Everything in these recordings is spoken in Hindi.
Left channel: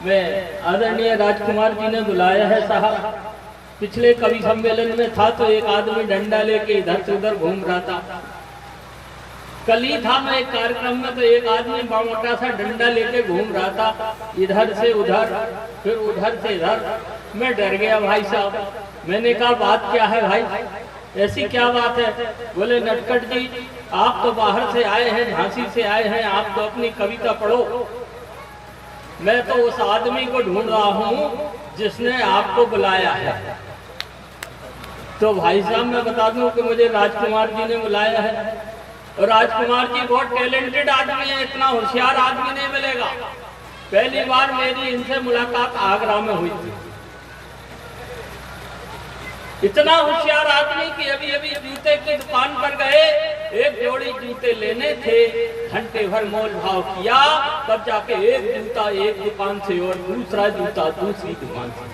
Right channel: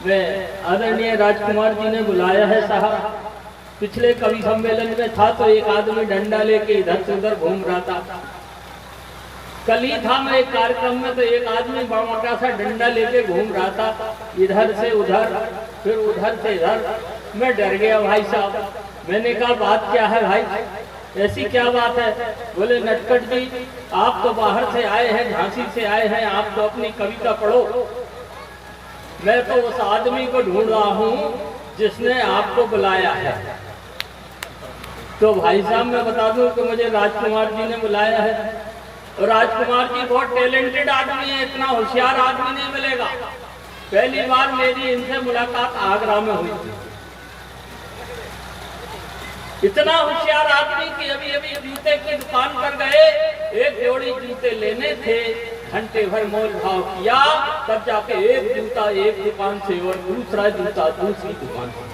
में आदरणीय राजकुमार जी ने बुलाया है साहब। पिछले कवि सम्मेलन में था तो एक आदमी डंडा लेके इधर से उधर घूम रहा था। कल ही था मैं एक कार्यक्रम में तो एक आदमी मोटा सा डंडा लेके घूम रहा था, इधर से उधर फिर उधर से इधर। मैं डर गया भाई साहब। मैंने कहा बात क्या है भाई, ऐसी क्या बात है? बोले नटखट जी आप तो बाहर से आए हैं, झांसी से आए हैं, आप तो अपनी कविता पढ़ो। मैं तो उस आदमी को ढूंढ रहा हूँ जिसने आपको बुलाया है। तो भाई साहब मैं बता दूं कि मुझे राजकुमार जी ने बुलाया है, और राजकुमार जी बहुत टैलेंटेड आदमी है, इतना होशियार आदमी नहीं मिलेगा। पहली बार मेरी इनसे मुलाकात आगरा में हुई थी। इतना होशियार आदमी कि अभी अभी जूते की दुकान पर गए, एक जोड़ी जूते लेने थे, घंटे भर मोल भाव किया, तब जाके एक जूता एक दुकान से और दूसरा जूता दूसरी दुकान से।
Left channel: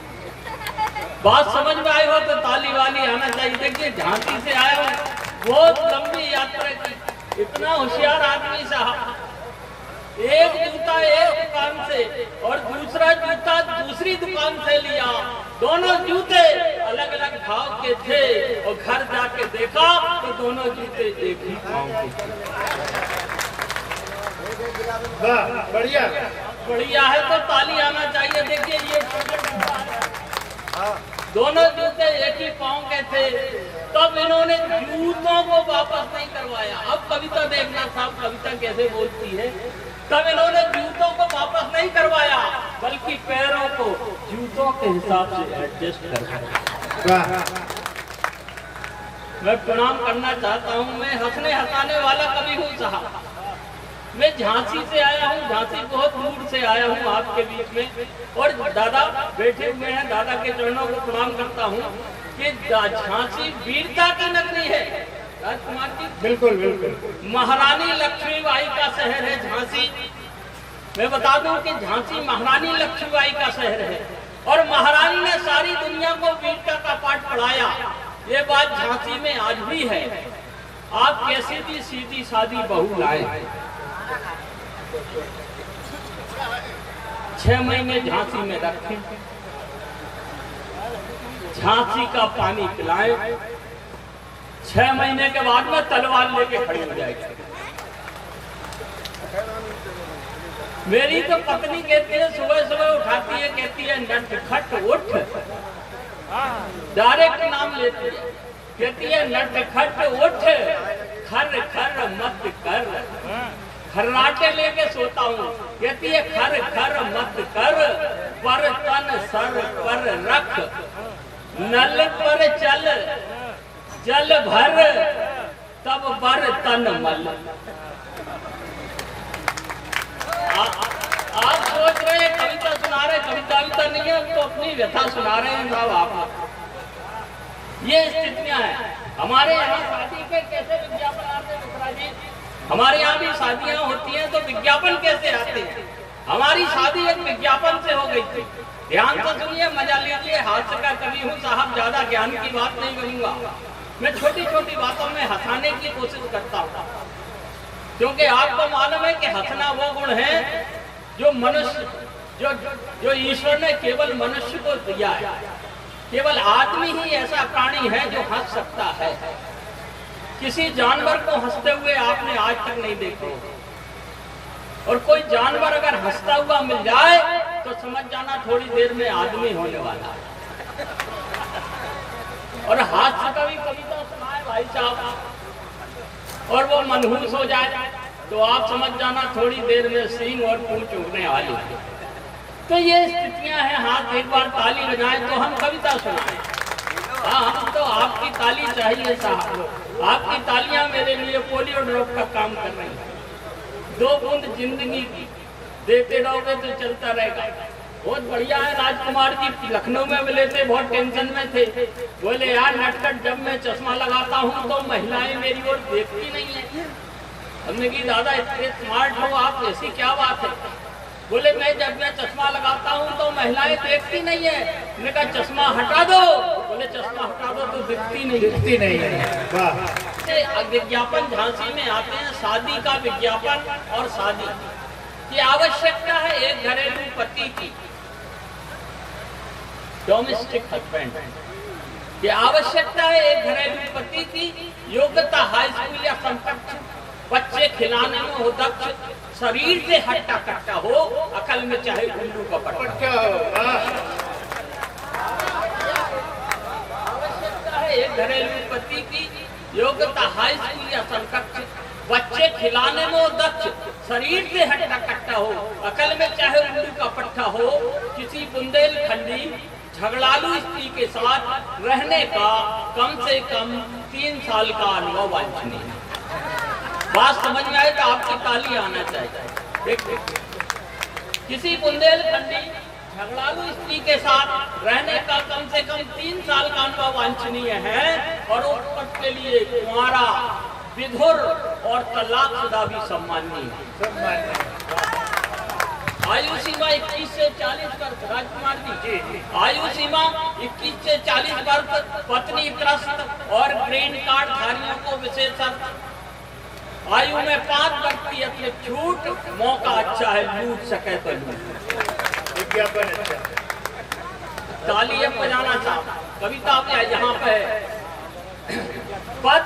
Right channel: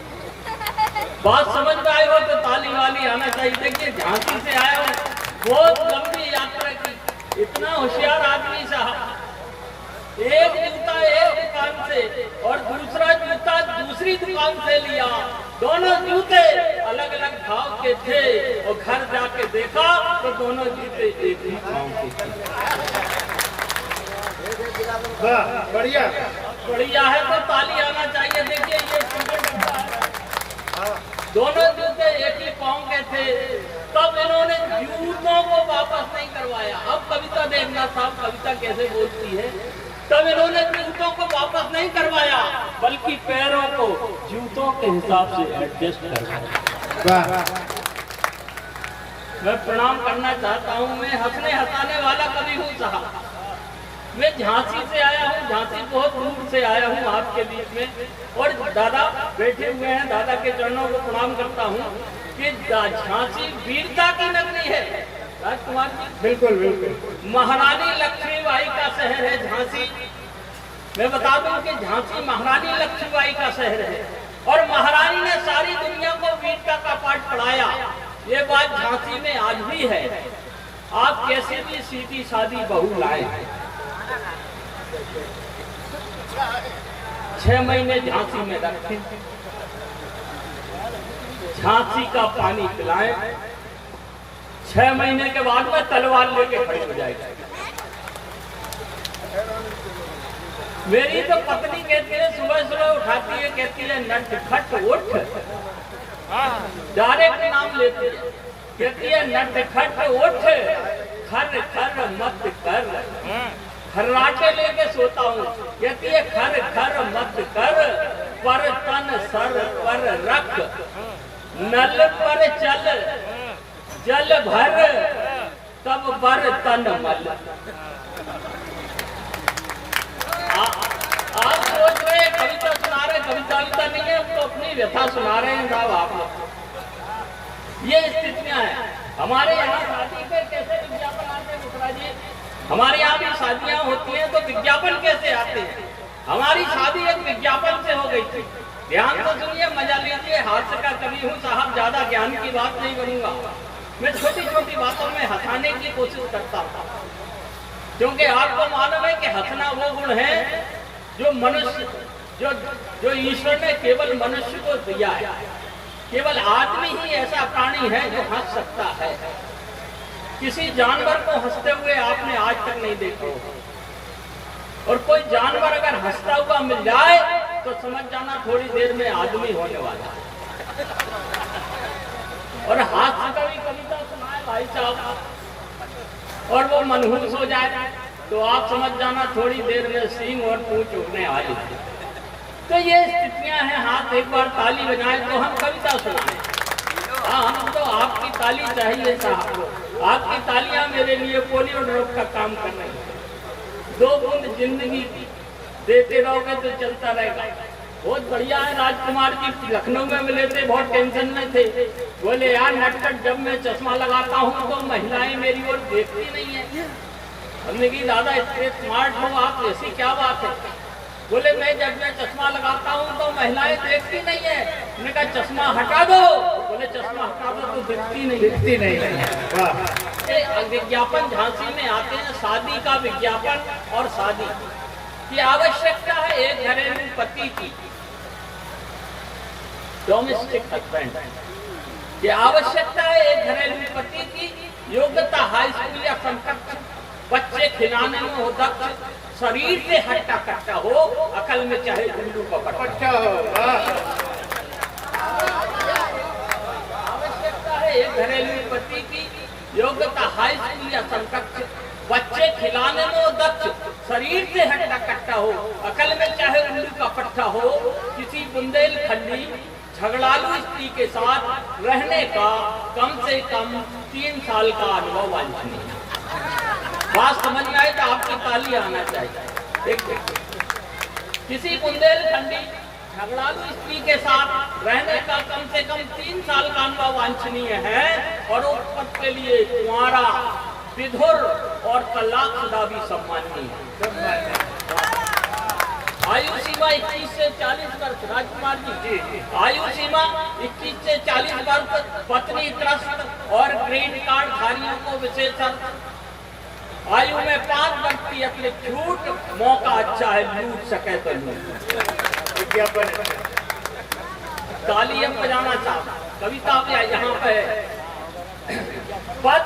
बात समझ में आई हो तो ताली वाली आना चाहिए। देखिए झांसी से आए हो, बहुत लंबी यात्रा की, इतना होशियार आदमी साहब। एक जूता एक दुकान से और दूसरा जूता दूसरी दुकान से लिया। दोनों जूते अलग अलग भाव के थे, और घर जाके देखा तो दोनों जूते एक ही भाव के थे। बढ़िया बढ़िया है तो ताली आना चाहिए। देखिए ये दोनों जूते एक ही पाँव के थे, तब इन्होंने जूतों को वापस नहीं करवाया। अब कविता देखना साहब, कविता कैसे बोलती है। तब इन्होंने जूतों को वापस नहीं करवाया, बल्कि पैरों को जूतों के हिसाब से एडजस्ट करवाया। मैं प्रणाम करना चाहता हूँ। मैं हंसने हंसाने वाला कवि हूँ साहब। मैं झांसी से आया हूँ, झांसी बहुत दूर से आया हूँ आपके बीच में, और दादा बैठे हुए हैं, दादा के चरणों को प्रणाम करता हूँ कि झांसी वीरता की नगरी है। राजकुमार जी बिल्कुल बिल्कुल। महारानी लक्ष्मीबाई का शहर है झांसी। मैं बता दूं कि झांसी महारानी लक्ष्मीबाई का शहर है, और महारानी ने सारी दुनिया को वीरता का पाठ पढ़ाया। ये बात झांसी में आज भी है। आप कैसी भी सीधी सादी बहू लाए, 6 महीने झांसी में रखें, झांसी का पानी पिलाएं, 6 महीने के बाद में तलवार लेके खड़ी हो जाएगी। मेरी तो पत्नी कहती है, सुबह सुबह उठाती है, कहती है नटखट उठ, डायरेक्ट नाम लेती है, कहती है नटखट उठ, खर खर मत कर। खर्राटे लेके सोता हूँ, कहती है खर खर मत कर, पर तन सर पर रख, नल पर चल जल भर, तब बर्तन मल। आप सोच रहे कविता सुना रहे, कविता नहीं है, तो अपनी व्यथा सुना रहे हैं साहब आप। ये स्थितियां हैं हमारे यहाँ। शादी पे कैसे विज्ञापन आते हैं मुखरा जी? हमारे यहाँ भी शादियां होती हैं तो विज्ञापन कैसे आते हैं? हमारी शादी एक विज्ञापन से हो गई थी। ध्यान से सुनिए, मजा लीजिए। हास्य का कवि हूँ साहब, ज्यादा ज्ञान की बात नहीं करूंगा। मैं छोटी छोटी बातों में हंसाने की कोशिश करता हूँ, क्योंकि आपको मालूम है कि हंसना वो गुण है जो मनुष्य जो ईश्वर ने केवल मनुष्य को दिया है। केवल आदमी ही ऐसा प्राणी है जो हंस सकता है। किसी जानवर को हंसते हुए आपने आज तक नहीं देखा, और कोई जानवर अगर हंसता हुआ मिल जाए तो समझ जाना थोड़ी देर में आदमी होने वाला है। और हास्य का भी कविता सुनाए भाई साहब, और वो मनहूस हो जाए तो आप समझ जाना थोड़ी देर में सींग और पूंछ उठने वाली है। तो ये स्थितियां हैं। हाथ एक बार ताली बजाएं तो हम कविता सुनाएं। हाँ, हम तो आपकी ताली चाहिए साहब। आपकी तालियां मेरे लिए पोलियो ड्रॉप का काम कर रही है। 2 बूंद जिंदगी की देते रहोगे तो चलता रहेगा। बहुत बढ़िया है। राजकुमार जी लखनऊ में मिले थे, बहुत टेंशन में थे। बोले यार नटखट, जब मैं चश्मा लगाता हूँ तो महिलाएं मेरी ओर देखती नहीं है। हमने कहा दादा इतने स्मार्ट हो आप, ऐसी क्या बात है? बोले जब मैं चश्मा लगाता हूँ तो महिलाएं देखती नहीं है। मैंने कहा चश्मा हटा दो। बोले चश्मा हटा दो तो दिखती नहीं है। विज्ञापन झांसी में आते हैं, शादी का विज्ञापन और शादी की आवश्यकता है एक घरेलू पति की। डोमेस्टिक हस्बैंड की आवश्यकता है। एक घरेलू पति की योग्यता हाई स्कूल या समकक्ष, बच्चे खिलाने में हो दक्ष, शरीर से हट्टा कट्टा हो, अकल में चाहे उल्लू का पट्टा हो। आवश्यकता है एक घरेलू पति की योग्यता हाई स्कूल या समकक्ष, बच्चे खिलाने में हो दक्ष, शरीर से हट्टा कट्टा हो, अकल में चाहे उल्लू का पट्टा हो, किसी बुंदेलखंडी झगड़ालू स्त्री के साथ रहने का कम से कम 3 साल का अनुभव वांछनीय। बात समझ में आए तो आपकी ताली आना चाहिए। देखिए, किसी बुंदेलखंडी झगड़ालू स्त्री के साथ रहने का कम से कम 3 साल का अनुभव वांछनीय है और उस पद के लिए कुंवारा, विधुर और तलाकशुदा भी सम्माननीय है। आयु सीमा 21 से 40 वर्ष। राजकुमार जी, आयु सीमा 21 से 40 वर्ष। पत्नी त्रस्त और ग्रीन कार्ड धारियों को विशेष आयु में 5 व्यक्ति अपने छूट, मौका अच्छा है, लूट सके तो लूट। ताली अब बजाना चाहता कविता में यहाँ पे पद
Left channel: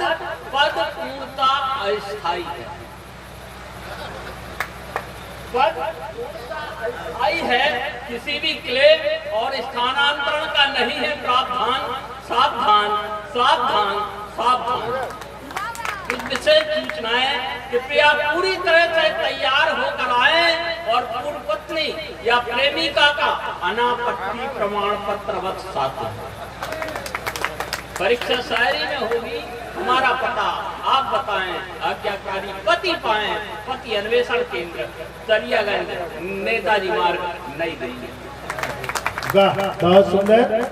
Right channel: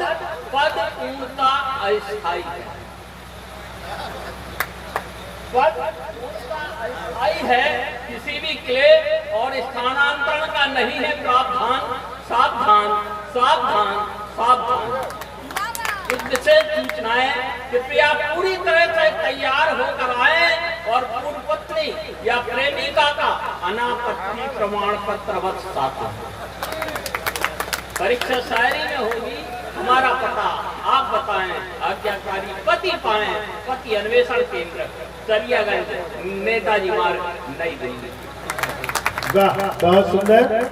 पूर्णता अस्थायी है। पद अस्थायी है, किसी भी क्लेम और स्थानांतरण का नहीं है प्रावधान। सावधान सावधान सावधान। कुछ विशेष सूचनाएं कृपया पूरी तरह से तैयार होकर आए और पूर्व पत्नी या प्रेमिका का अनापत्ति प्रमाण पत्र अवश्य साथ है। परीक्षा शायरी में होगी। हमारा पता आप बताएं। आज्ञाकारी पति पाएं। पति अन्वेषण केंद्र, दरियागंज, नेताजी मार्ग, नई दिल्ली। वाह, बहुत सुंदर।